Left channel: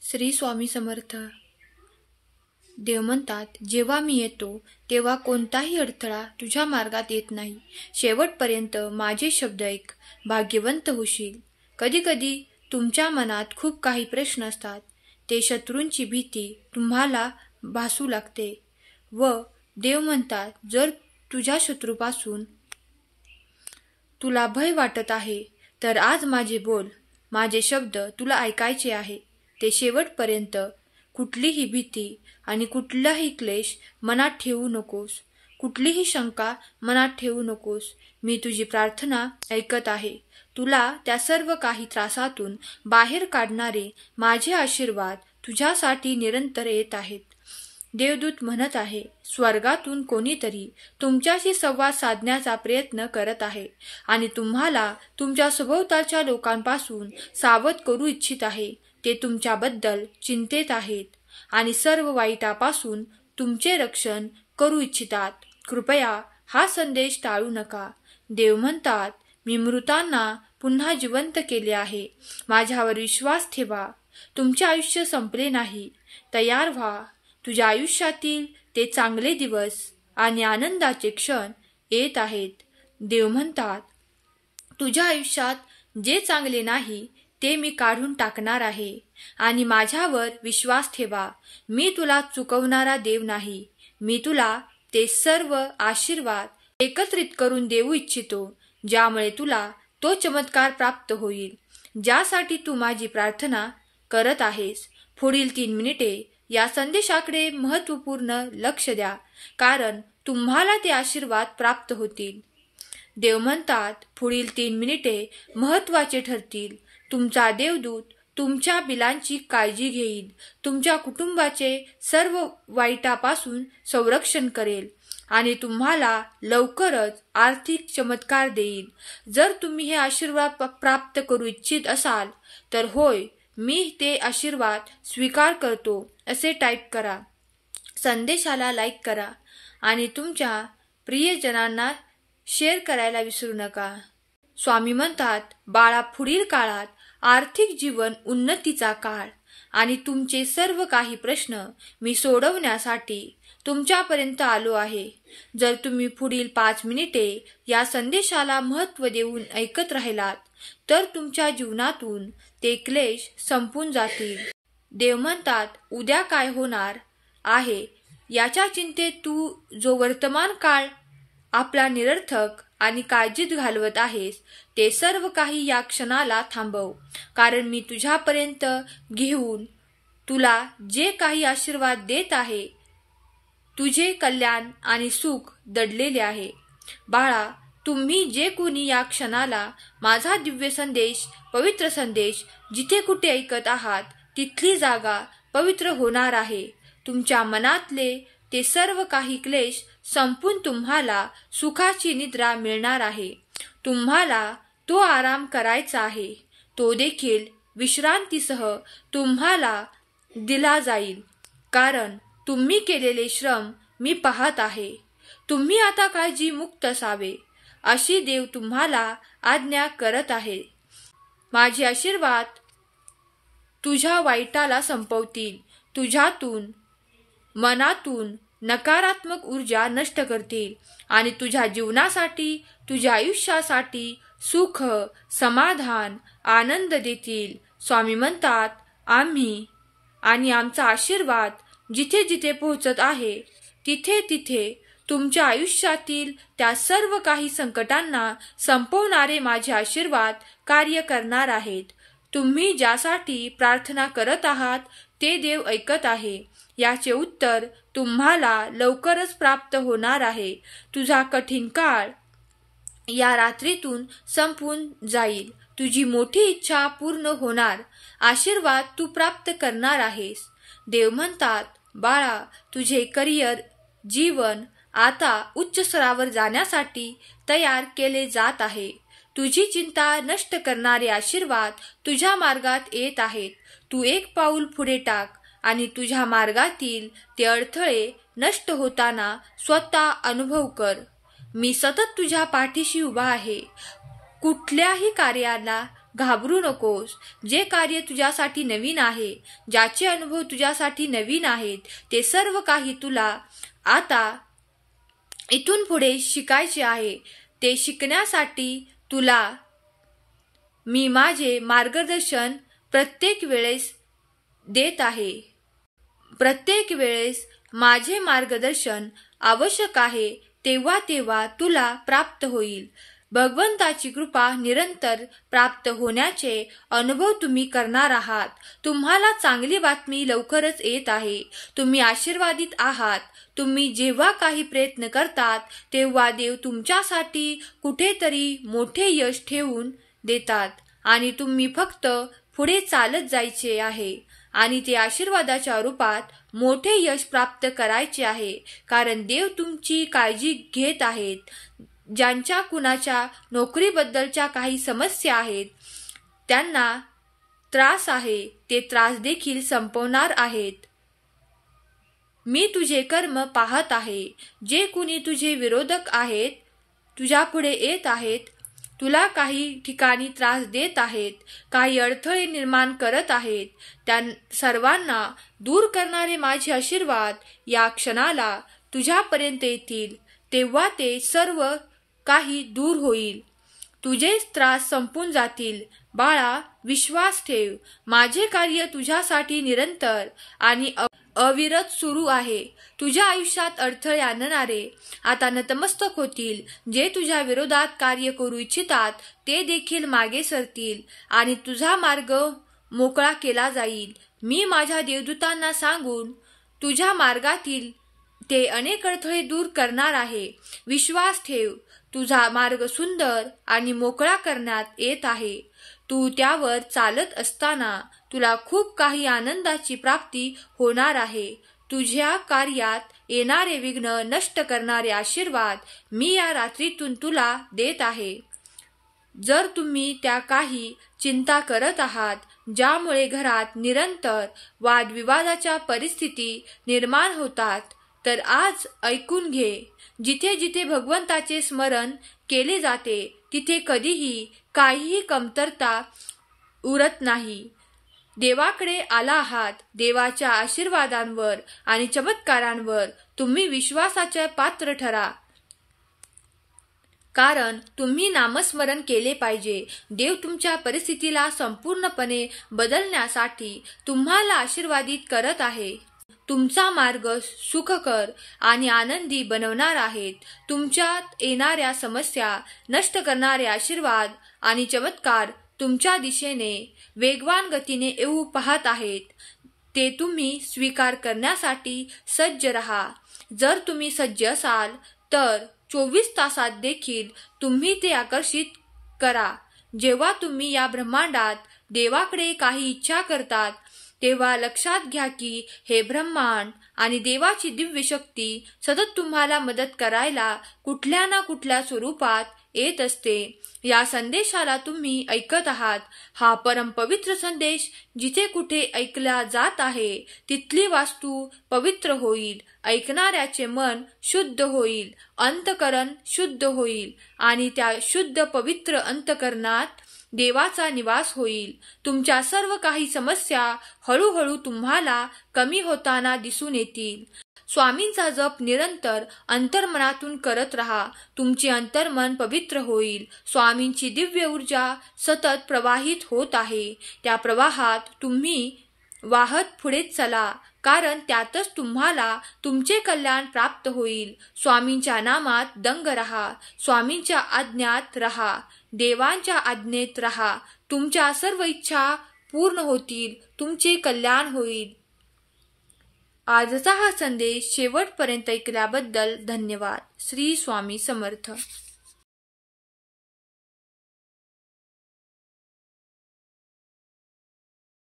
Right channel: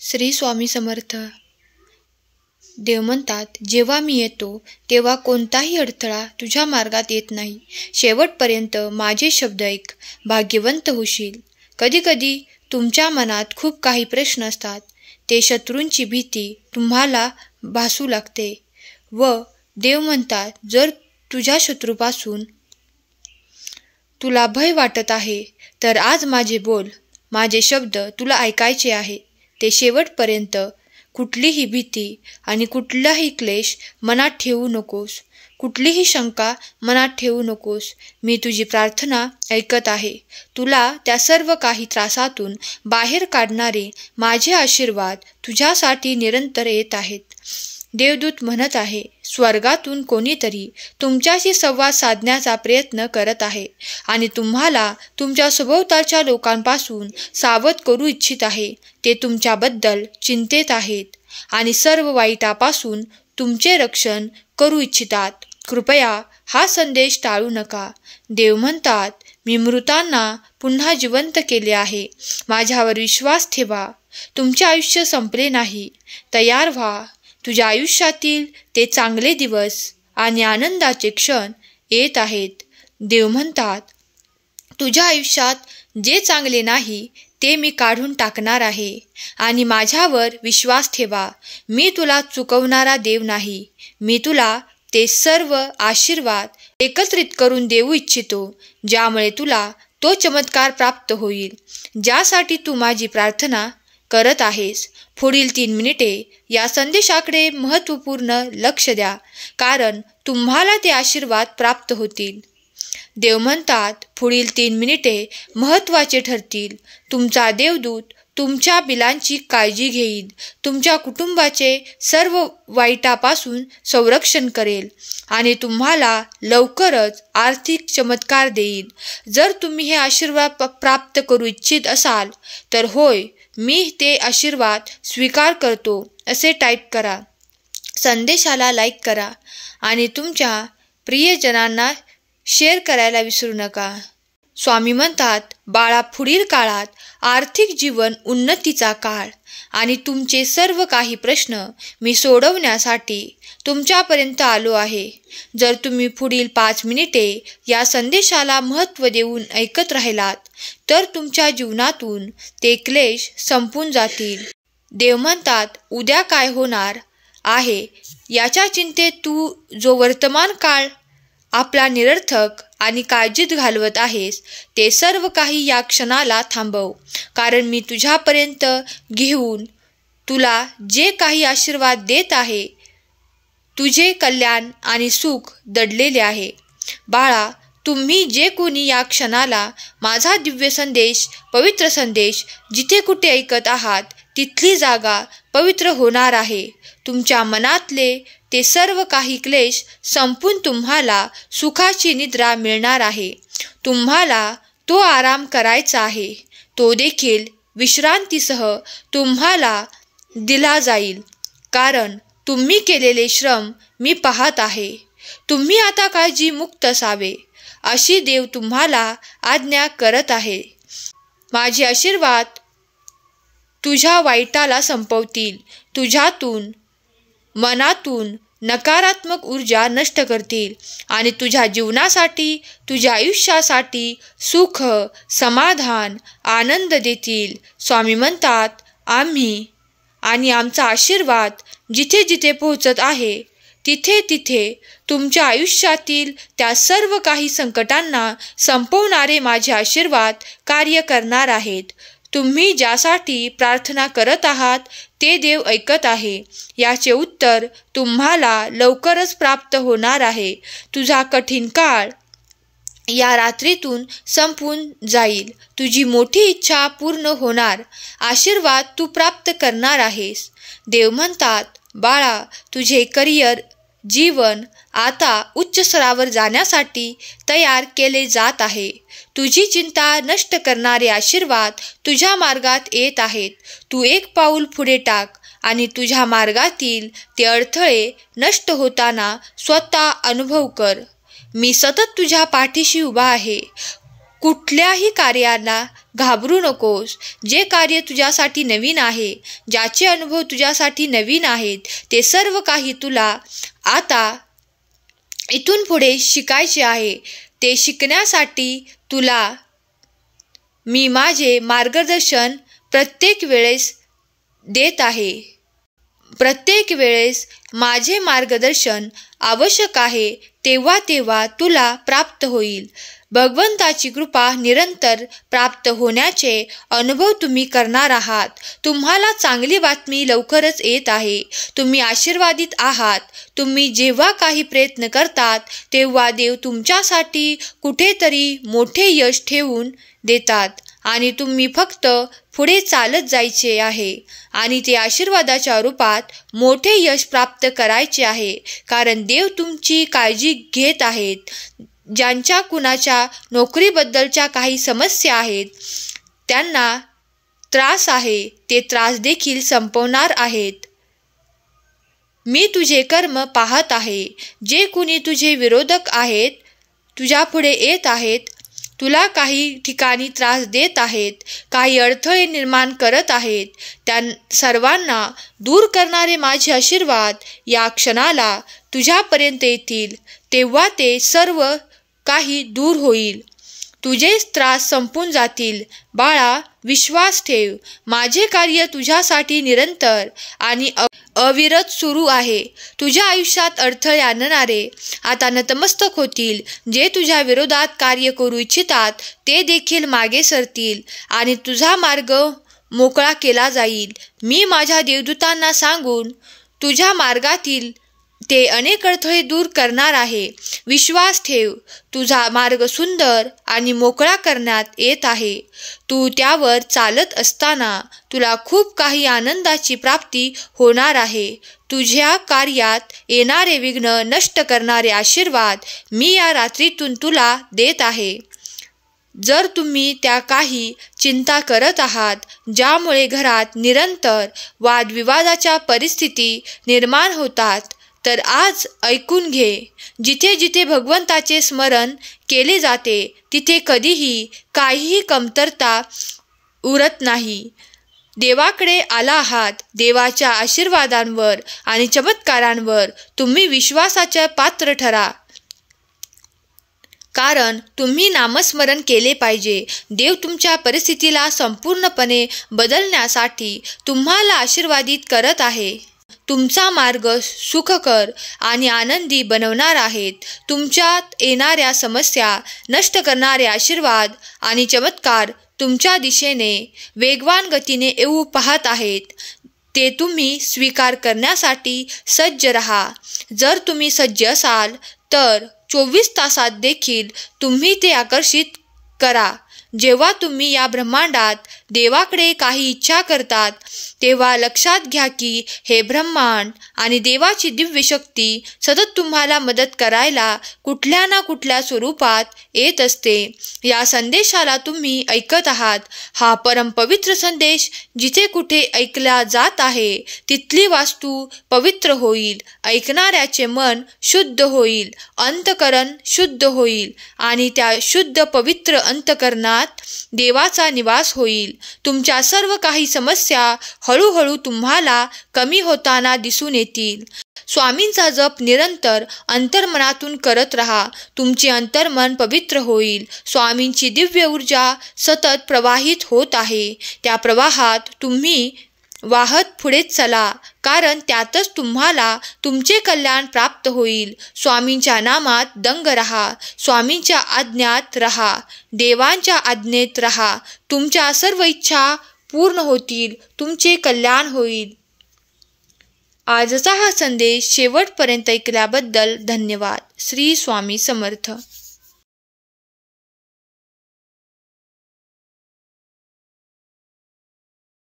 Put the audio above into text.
श्री स्वामी समर्थ. देव म्हणतात, जेव्हा मी येतो तेव्हा कोणताही अडथळा तुझ्या मार्गात येत नाही. शेवटपर्यंत माझे शब्द ऐक, भाग्यवंत होशील. कधीकधी तुमच्या मनात खूप काही प्रश्न असतात. ते शत्रूंची भीती तुम्हाला भासू लागते व देव म्हणतात, जर तुझ्या शत्रूपासून तुला भय वाटत आहे तर आज माझे बोल, माझे शब्द तुला ऐकायचे आहे. ते शेवटपर्यंत. कुठलीही भीती आणि कुठलाही क्लेश मनात ठेवू नकोस, कुठलीही शंका मनात ठेवू नकोस. मी तुझी प्रार्थना ऐकत आहे. तुला त्या सर्व काही त्रासातून बाहेर काढणारे माझे आशीर्वाद तुझ्यासाठी निरंतर येत आहेत. देवदूत म्हणत आहे, स्वर्गातून कोणीतरी तुमच्याशी संवाद साधण्याचा प्रयत्न करत आहे आणि तुम्हाला तुमच्या सभोवतालच्या लोकांपासून सावध करू इच्छित आहे. ते तुमच्याबद्दल चिंतेत आहेत आणि सर्व वाईटापासून तुमचे रक्षण करू इच्छितात. कृपया हा संदेश टाळू नका. देव म्हणतात, मी मृतांना पुन्हा जिवंत केले आहे. माझ्यावर विश्वास ठेवा. तुमचे आयुष्य संपले नाही. तयार व्हा. तुझ्या आयुष्यातील ते चांगले दिवस आणि आनंदाचे क्षण येत आहेत. देव म्हणतात, तुझ्या आयुष्यात जे चांगले नाही ते मी काढून टाकणार आहे आणि माझ्यावर विश्वास ठेवा. मी तुला चुकवणारा देव नाही. मी तुला ते सर्व आशीर्वाद एकत्रित करून देऊ इच्छितो, ज्यामुळे तुला तो चमत्कार प्राप्त होईल ज्यासाठी तू माझी प्रार्थना करत आहेस. पुढील 3 मिनिटे या संदेशाकडे महत्त्वपूर्ण लक्ष द्या, कारण तुम्हाला ते आशीर्वाद प्राप्त होतील. देव म्हणतात, पुढील 3 मिनिटे महत्त्वाचे ठरतील. तुमचा देवदूत तुमच्या बिलांची काळजी घेईल, तुमच्या कुटुंबाचे सर्व वाईटापासून संरक्षण करेल आणि तुम्हाला लवकरच आर्थिक चमत्कार देईल. जर तुम्ही हे आशीर्वाद प्राप्त करू इच्छित असाल तर होय, मी ते आशीर्वाद स्वीकार करतो असे टाईप करा. संदेशाला लाईक करा आणि तुमच्या प्रियजनांना शेअर करायला विसरू नका. स्वामी म्हणतात, बाळा, पुढील काळात आर्थिक जीवन उन्नतीचा काळ आणि तुमचे सर्व काही प्रश्न मी सोडवण्यासाठी तुमच्यापर्यंत आलो आहे. जर तुम्ही पुढील 5 मिनिटे या संदेशाला महत्त्व देऊन ऐकत राहिलात तर तुमच्या जीवनातून ते क्लेश संपून जातील. देव म्हणतात, उद्या काय होणार आहे याच्या चिंतेत तू जो वर्तमान काळ आपला निरर्थक आणि काळजीत घालवत आहेस, ते सर्व काही या क्षणाला थांबव. कारण मी तुझ्यापर्यंत घेऊन तुला जे काही आशीर्वाद देत आहे, तुझे कल्याण आणि सुख दडलेले आहे. बाळा, तुम्ही जे कोणी या क्षणाला माझा दिव्य संदेश, पवित्र संदेश जिथे कुठे ऐकत आहात, तिथली जागा पवित्र होणार आहे. तुमच्या मनातले ते सर्व काही क्लेश संपून तुम्हाला सुखाची निद्रा मिळणार आहे. तुम्हाला तो आराम करायचा आहे. तो देखील विश्रांतीसह तुम्हाला दिला जाईल, कारण तुम्ही केलेले श्रम मी पाहत आहे. तुम्ही आता काळजी मुक्त असावे अशी देव तुम्हाला आज्ञा करत आहे. माझे आशीर्वाद तुझ्या वाईटाला संपवतील, तुझ्यातून मनातून नकारात्मक ऊर्जा नष्ट करतील आणि तुझ्या जीवनासाठी, तुझ्या आयुष्यासाठी सुख, समाधान, आनंद देतील. स्वामी म्हणतात, आम्ही आणि आमचा आशीर्वाद जिथे जिथे पोहोचत आहे, तिथे तिथे तुमच्या आयुष्यातील त्या सर्व काही संकटांना संपवणारे माझे आशीर्वाद कार्य करणार आहेत. तुम्ही ज्यासाठी प्रार्थना करत आहात ते देव ऐकत आहे. याचे उत्तर तुम्हाला लवकरच प्राप्त होणार आहे. तुझा कठीण काळ या रात्रीतून संपून जाईल. तुझी मोठी इच्छा पूर्ण होणार. आशीर्वाद तू प्राप्त करणार आहेस. देव म्हणतात, बाळा, तुझे करिअर जीवन आता उच्च स्तरावर जाण्यासाठी तयार केले जात आहे. तुझी चिंता नष्ट करणारे आशीर्वाद तुझ्या मार्गात येत आहेत. तू एक पाऊल पुढे टाक आणि तुझ्या मार्गातील ते अडथळे नष्ट होताना स्वतः अनुभव कर. मी सतत तुझ्या पाठीशी उभा आहे. कुठल्याही कार्याला घाबरू नकोस. जे कार्य तुझ्यासाठी नवीन आहे, ज्याचे अनुभव तुझ्यासाठी नवीन आहेत, ते सर्व काही तुला आता इथून पुढे शिकायचे आहे. ते शिकण्यासाठी तुला मी माझे मार्गदर्शन प्रत्येक वेळेस देत आहे. प्रत्येक वेळेस माझे मार्गदर्शन आवश्यक आहे, तेव्हा तेव्हा तुला प्राप्त होईल. भगवंताची कृपा निरंतर प्राप्त होण्याचे अनुभव तुम्ही करणार आहात. तुम्हाला चांगली बातमी लवकरच येत आहे. तुम्ही आशीर्वादित आहात. तुम्ही जेव्हा काही प्रयत्न करतात तेव्हा देव तुमच्यासाठी कुठेतरी मोठे यश ठेवून देतात आणि तुम्ही फक्त पुढे चालत जायचे आहे आणि ते आशीर्वादाच्या रूपात मोठे यश प्राप्त करायचे आहे. कारण देव तुमची काळजी घेत आहेत. ज्यांच्या कुणाच्या नोकरीबद्दलच्या काही समस्या आहेत, त्यांना त्रास आहे, ते त्रास देखील संपवणार आहेत. मी तुझे कर्म पाहत आहे. जे कुणी तुझे विरोधक आहेत, तुझ्यापुढे येत आहेत, तुला काही ठिकाणी त्रास देत आहेत, काही अडथळे निर्माण करत आहेत, त्या सर्वांना दूर करणारे माझे आशीर्वाद या क्षणाला तुझ्यापर्यंत येतील. तेव्हा ते सर्व काही दूर होईल. तुझे त्रास संपून जातील. बाळा, विश्वास ठेव. माझे कार्य तुझ्यासाठी निरंतर आणि अविरत सुरू आहे. तुझ्या आयुष्यात अडथळे आणणारे आता नतमस्तक होतील. जे तुझ्या विरोधात कार्य करू इच्छितात ते देखील मागे सरतील आणि तुझा मार्ग मोकळा केला जाईल. मी माझ्या देवदूतांना सांगून तुझ्या मार्गातील ते अनेक अडथळे दूर करणार आहे. विश्वास ठेव. तुझा मार्ग सुंदर आणि मोकळा करण्यात येत आहे. तू त्यावर चालत असताना तुला खूप काही आनंदाची प्राप्ती होणार आहे. तुझ्या कार्यात येणारे विघ्न नष्ट करणारे आशीर्वाद मी या रात्रीतून तुला देत आहे. जर तुम्ही त्या काही चिंता करत आहात ज्यामुळे घरात निरंतर वादविवादाच्या परिस्थिती निर्माण होतात, तर आज ऐकून घे. जिथे जिथे भगवंताचे स्मरण केले जाते तिथे कधीही काहीही कमतरता उरत नाही. देवाकडे आला आहात. देवाच्या आशीर्वादांवर आणि चमत्कारांवर तुम्ही विश्वासाचे पात्र ठरा. कारण तुम्ही नामस्मरण केले पाहिजे. देव तुमच्या परिस्थितीला संपूर्णपणे बदलण्यासाठी तुम्हाला आशीर्वादित करत आहे. तुमचा मार्ग सुखकर आणि आनंदी बनवणार आहेत. तुमच्यात येणाऱ्या समस्या नष्ट करणारे आशीर्वाद आणि चमत्कार तुमच्या दिशेने वेगवान गतीने येऊ पाहत आहेत. ते तुम्ही स्वीकार करण्यासाठी सज्ज रहा. जर तुम्ही सज्ज असाल तर 24 तासात देखील तुम्ही ते आकर्षित करा. जेव्हा तुम्ही या ब्रह्मांडात देवाकडे काही इच्छा करतात तेव्हा लक्षात घ्या की हे ब्रह्मांड आणि देवाची दिव्य शक्ती सतत तुम्हाला मदत करायला कुठल्या ना कुठल्या स्वरूपात येत असते. या संदेशाला तुम्ही ऐकत आहात. हा परमपवित्र संदेश जिथे कुठे ऐकला जात आहे तिथली वास्तू पवित्र होईल. ऐकणाऱ्याचे मन शुद्ध होईल, अंतकरण शुद्ध होईल आणि त्या शुद्ध पवित्र अंतकरणात देवाचा निवास होईल. तुमच्या सर्व काही समस्या हळूहळू तुम्हाला कमी होताना दिसून येतील. स्वामींचा जप निरंतर अंतर्मनातून करत राहा. तुमचे अंतर्मन पवित्र होईल. स्वामींची दिव्य ऊर्जा सतत प्रवाहित होत आहे. त्या प्रवाहात तुम्ही वाहत पुढे चला, कारण त्यातच तुम्हाला तुमचे कल्याण प्राप्त होईल. स्वामींच्या नामात दंग रहा. स्वामींच्या आज्ञात रहा. देवांच्या आज्ञेत रहा. तुमच्या सर्व इच्छा पूर्ण होतील. तुमचे कल्याण होईल. आजचा हा संदेश शेवटपर्यंत ऐकल्याबद्दल धन्यवाद. श्री स्वामी समर्थ.